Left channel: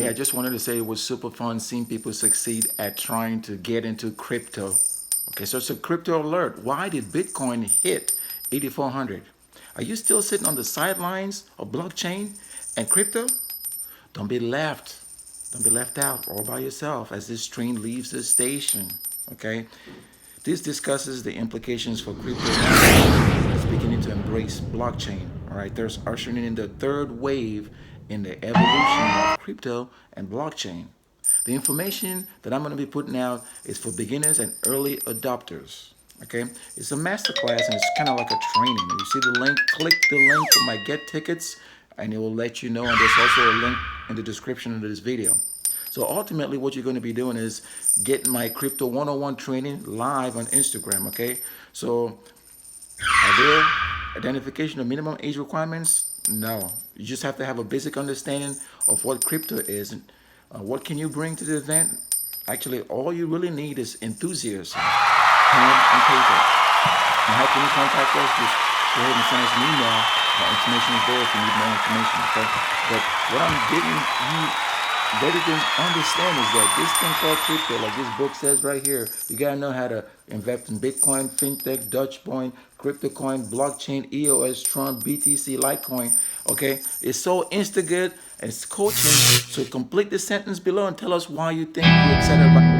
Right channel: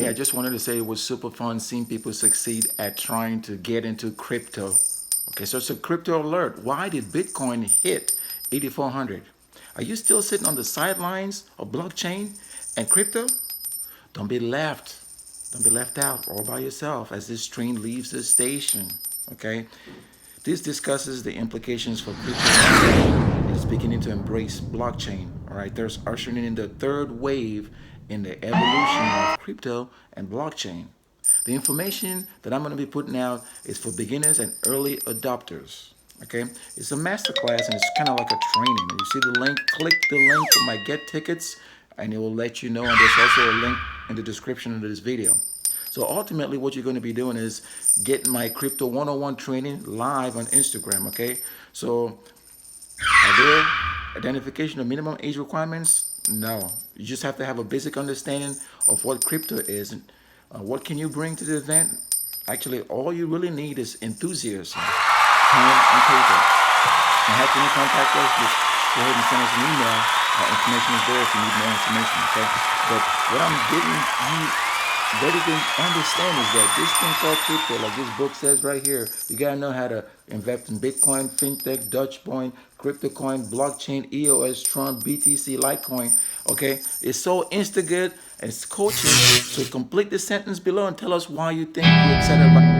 Hey, I just wanted to say it was super fun seeing people succeed at trying to get into crypto. Okay, so it's a crypto alert. Why did Bitcoin hit 8,400? Are you still sitting on the sidelines of blockchain and crypto? Don't be left. Don't be left out all by yourself as this train leaves the station. Okay? This discusses the implications for crypto is beginning to embrace blockchain. All right, there's ushering in the third wave in the evolution of crypto and blockchain. The information that I'm going to be putting out is for beginners and early adopters. Okay, it's a masterclass and it's kind of like a training. You see the link, click the link for my get tickets, and it will let you know. And there's also a link in the description of this video. So ultimately, what you're going to be doing is getting my Crypto 101 training live on Instagram, okay? So are there identification of minimum age requirements? No. You just have to have a basic understanding of what crypto is. And what can you bring to the event? Actually, all you really need is enthusiasm, pen and paper. And how can you contact us? Just go ahead and send us an email. Our information is there if you need more information, okay? But what I'm getting you ready to understand is that this thing called crypto, like this book says right here, you gotta know how to invest in Bitcoin, fintech, Dogecoin, crypto coin, blockchain, EOS, Tron, BTC, Litecoin. Okay, it's so insta good and it's coaching. So complete the sentence below and tell us why you think you're excited about